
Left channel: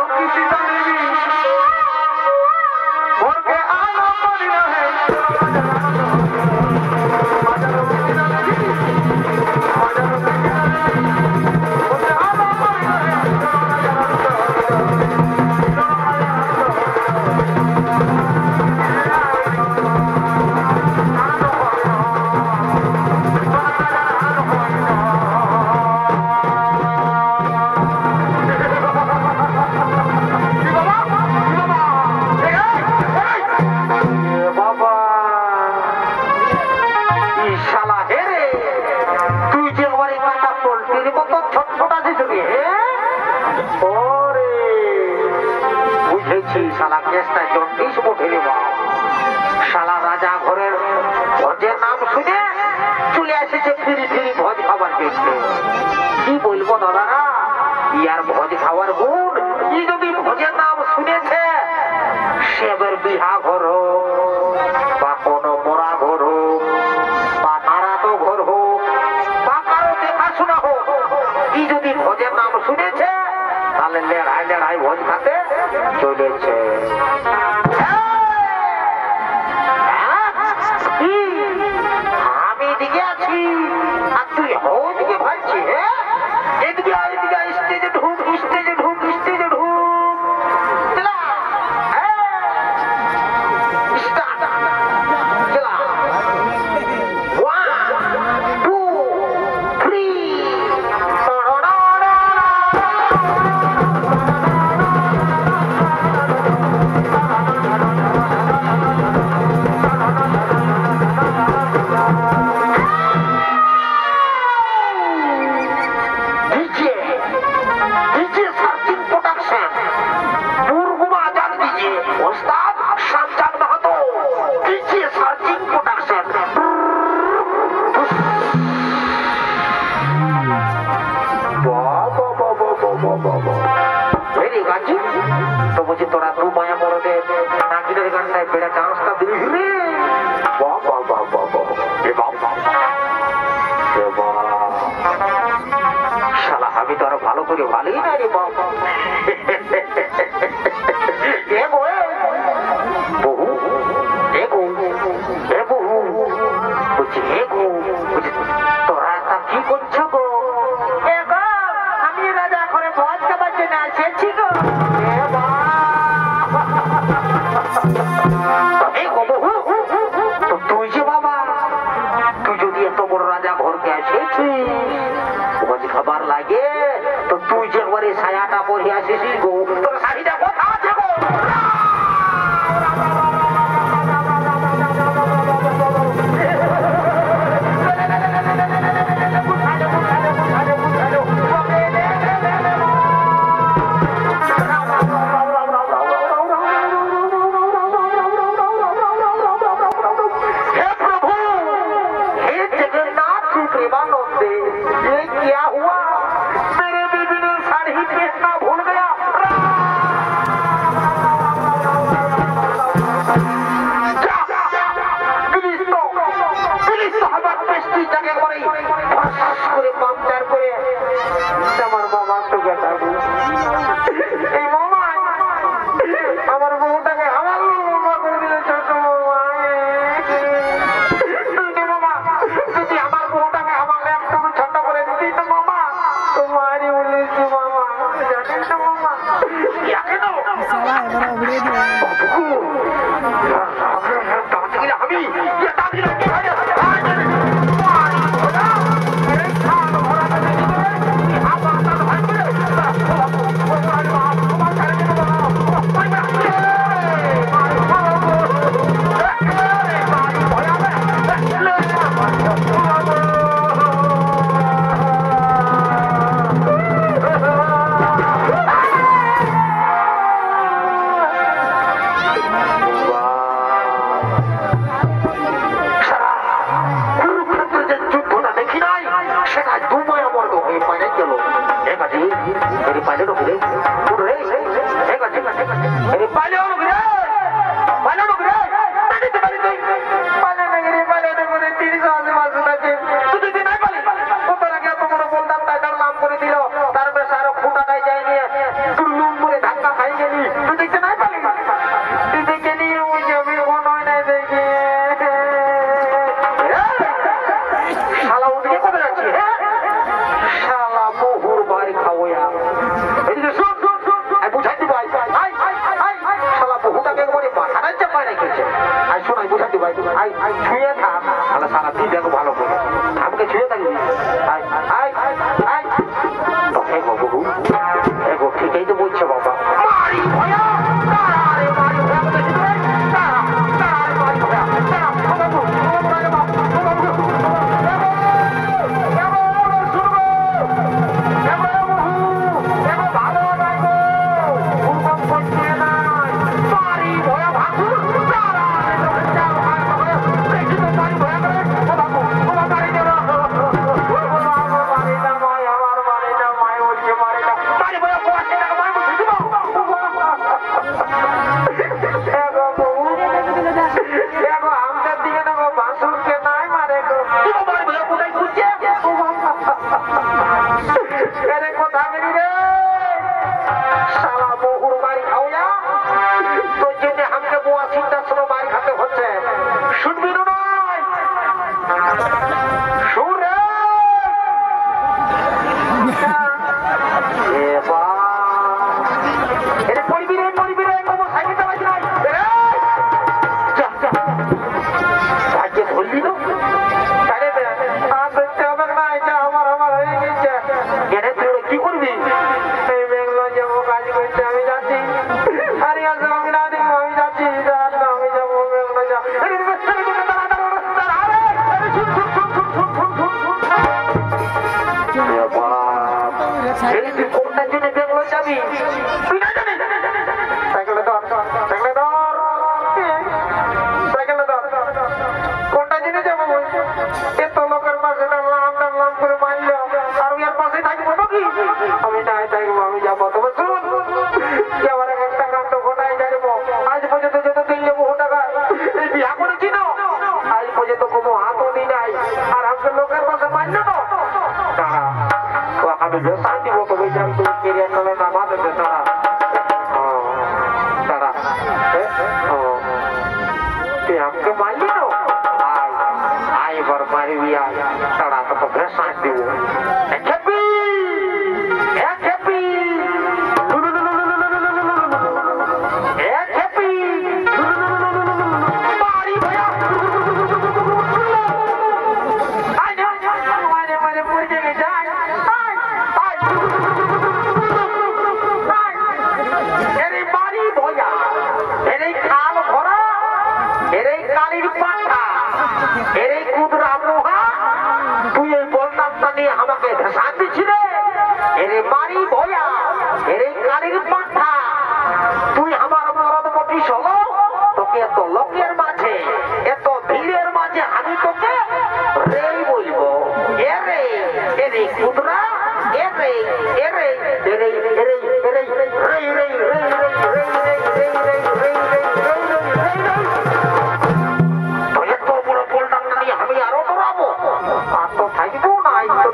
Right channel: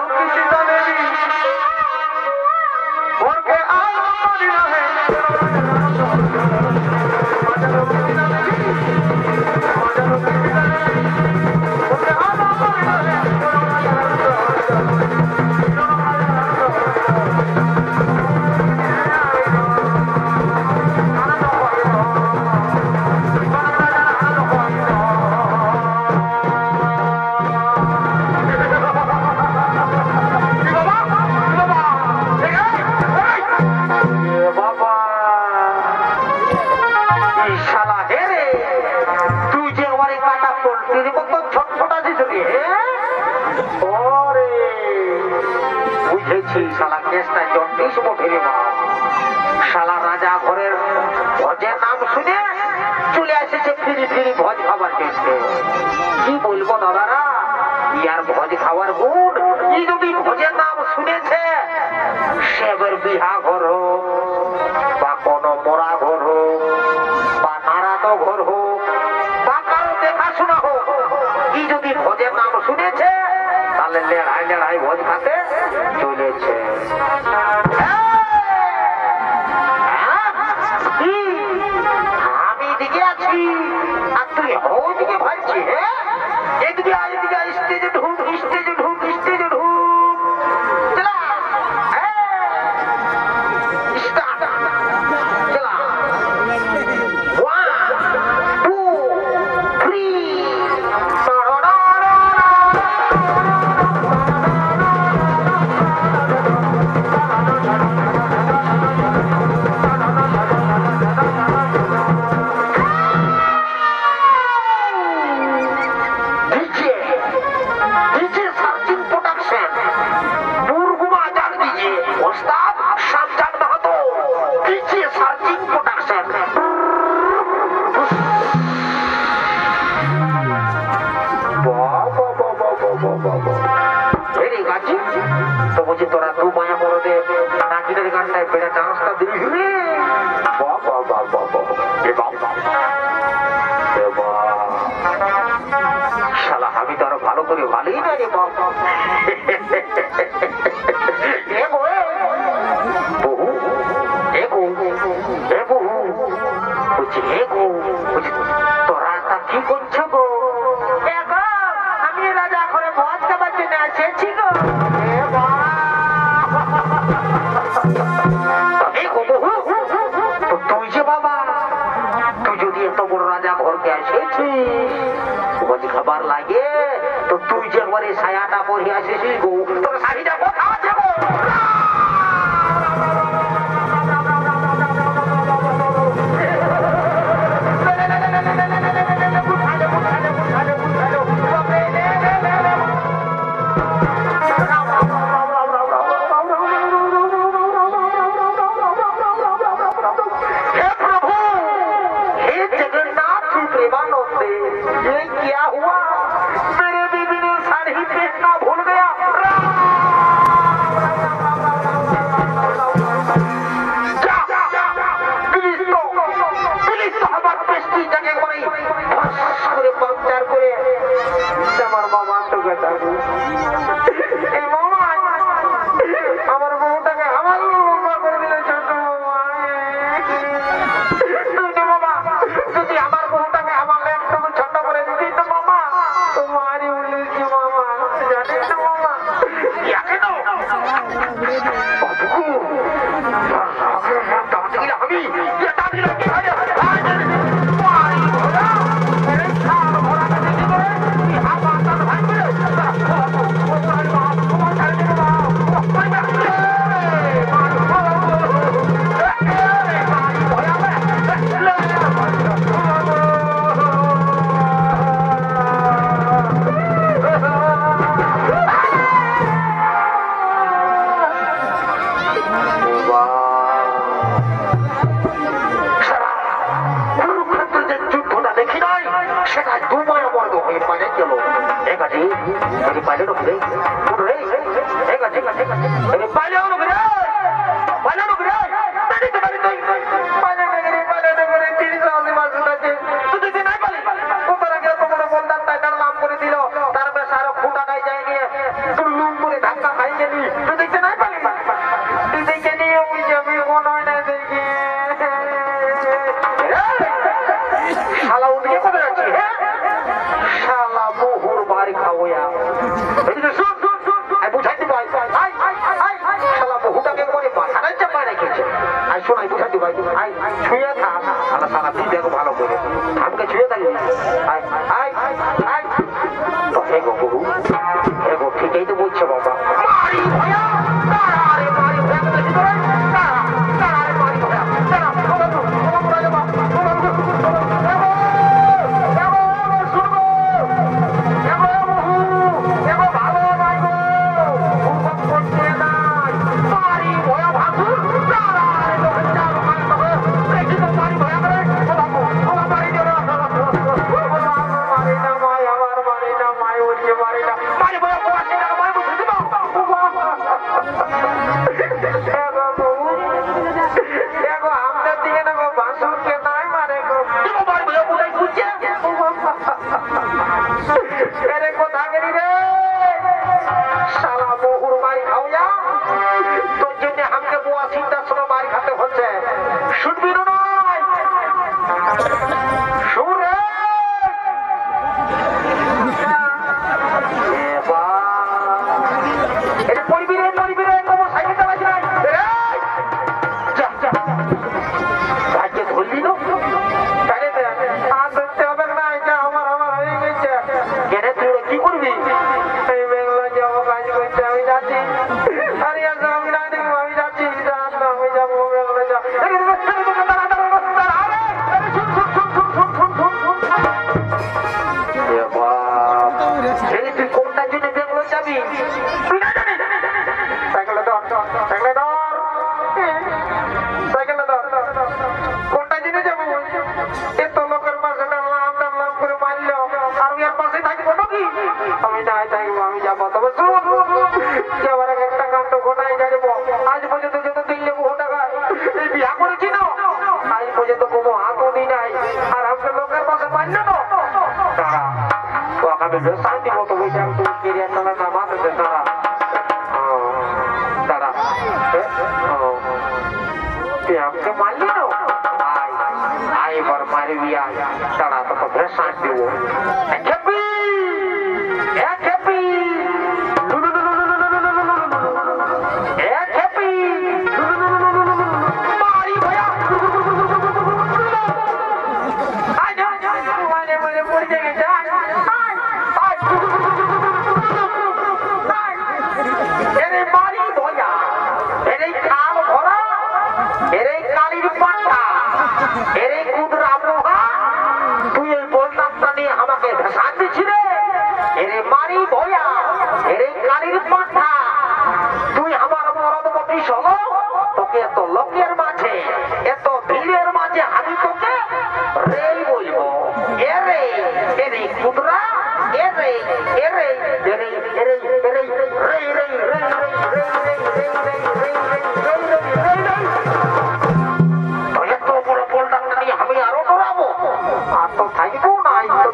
শালা রাজা ঘরের ভোজের নাম শুনে চলে এসেছে ফিরি ফিরি ভোজ খাবার দেখতে। কি বলবো দাদারা, ইয়ার ভোজ খাওয়ার গুণ। কি যদি ভোজের নাম শুনেছে সে এবার বিহা ঘর হোক বা কোনো মরা ঘর হোক বা নারানো ঘর হোক বা কারো দেখাশোনা হোক, কি যদি ভোজের নাম শুনেছে তাহলে লেড়াই লেড়াই ভোজ খাতে চলেছে। আমি এদিকে আছি আর তুই ওইদিকে ভাবছি। এদিকে এদিকে স্টেজে ঢুক স্টেজে ঢুক স্টেজে ঢুক। তো বলছি তোরা দু মায়া মরদে নাচিদের গানটায় বেড়ে ডান্সটা দিলি শালা আমি তো আরো ভালো করে ভালোই না রে বাবা। বহু বহু বলছি হে গো তোরা তা কি করছো গো? আমি রাজা ঘরে ভোজ খাবার জন্য এসেছি গো। তুই যে বাবা তুই যদি এত বড় রাজা ঘরকে এসেছিস ভোজ খাবার লাগে তো তুই যে একবারে ছায়াটা পরে আসিস গো, তোর শাড়িটা কোথা আছে গো? क्या हुआ? मेरे बीबी ने साड़ी पहनना भूल गया। আমার সুখে থাকবে। এই মামা আমার বউটাকে আমার মামা করে দিলে ছোট মামা। মামা যদি আমার বউটাকে আমার একটু ছোট করে দিতি তো মামা, তোমারই উল্লেছি মামা, জানেন তো মামা। ভালো করে আমাকে ছুঁয়ে থাকবি। ঠিকই তো বলছো বাবা।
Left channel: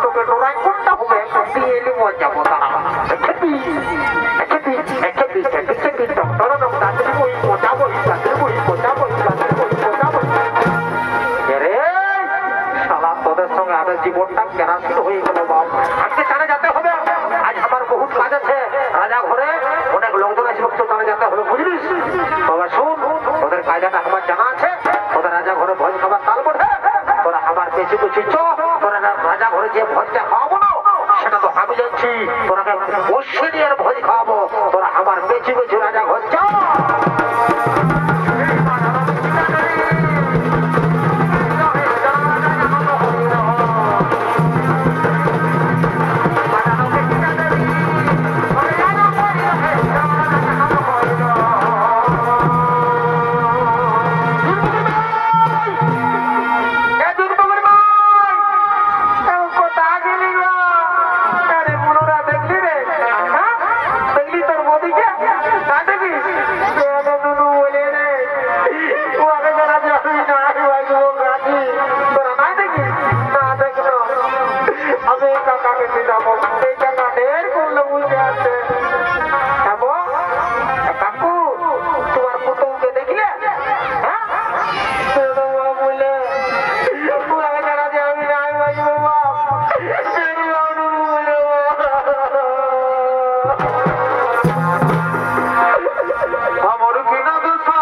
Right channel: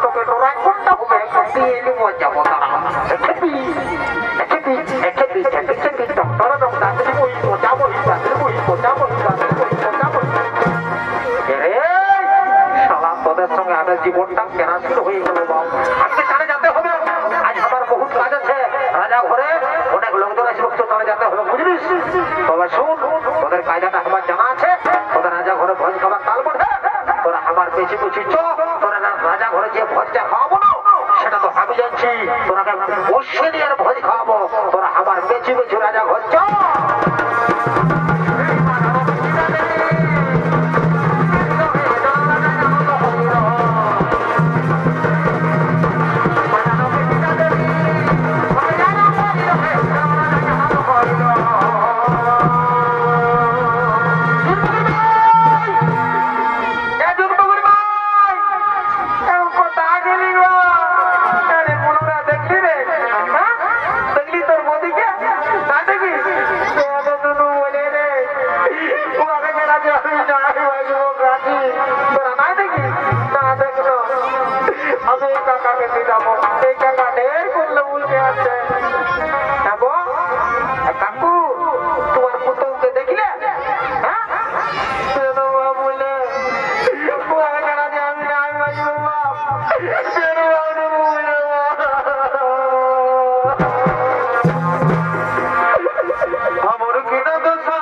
তোকে তোরা কোনটা হবে? তোদের সঙ্গে আগে জীবনটা কেনাশীল হয়ে গেল বাপ। আজকে কানে যেতে হবে, আজ আমার বহুত কাজ আছে। রাজা ঘরে অনেক লোকজন আছে, তো কানে যেতে হবে, বুঝলিস? তবে শোন, তোদের কায়দাটা আমার জানা আছে। তোদের রাজা ঘরে ভোজ খাবার কাল বটে, তোরা আমার পেছি পেছি চ। তোরা রাজা ঘরে যে ভোজটা খাওয়াবো না, সেটা তো আমি যাচ্ছি। তোরাকে বসে দিয়ে ভোজ খাওয়াবো। তোরা আমার পেছি পেছি রাজা ঘর চ। কাকু, তোমার পুতুলকে দেখলে? আমার কিনা দোষা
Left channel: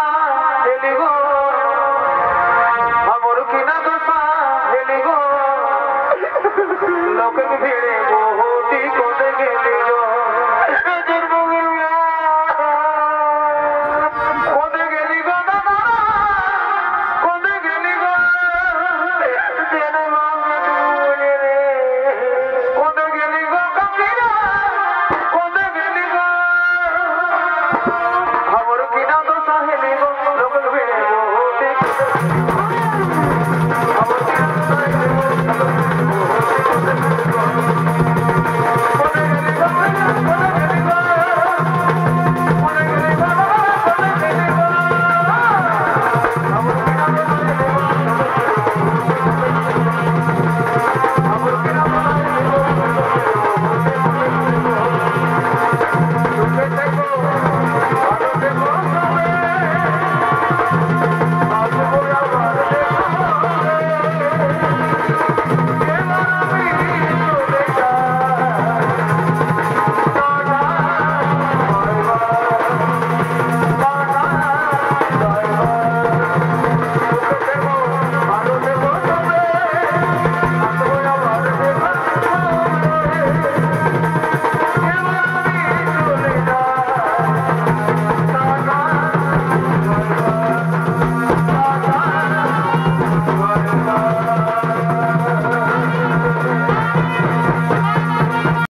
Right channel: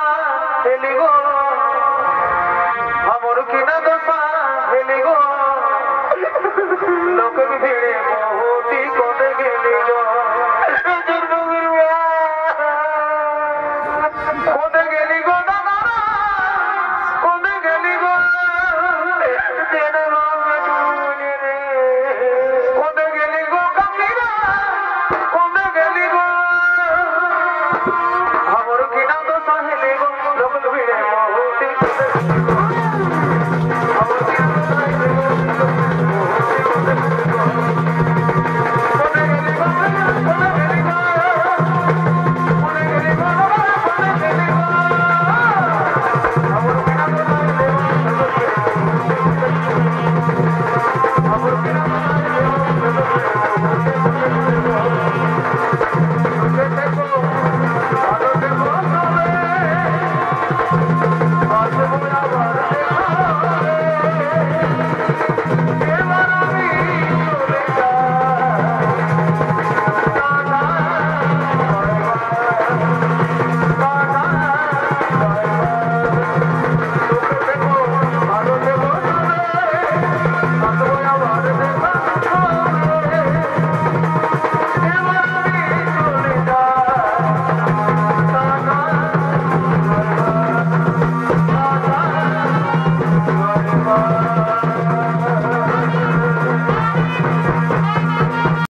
হেলি গো, আমার কিনা দোষা হেলি গো, লোকের ভিড়ে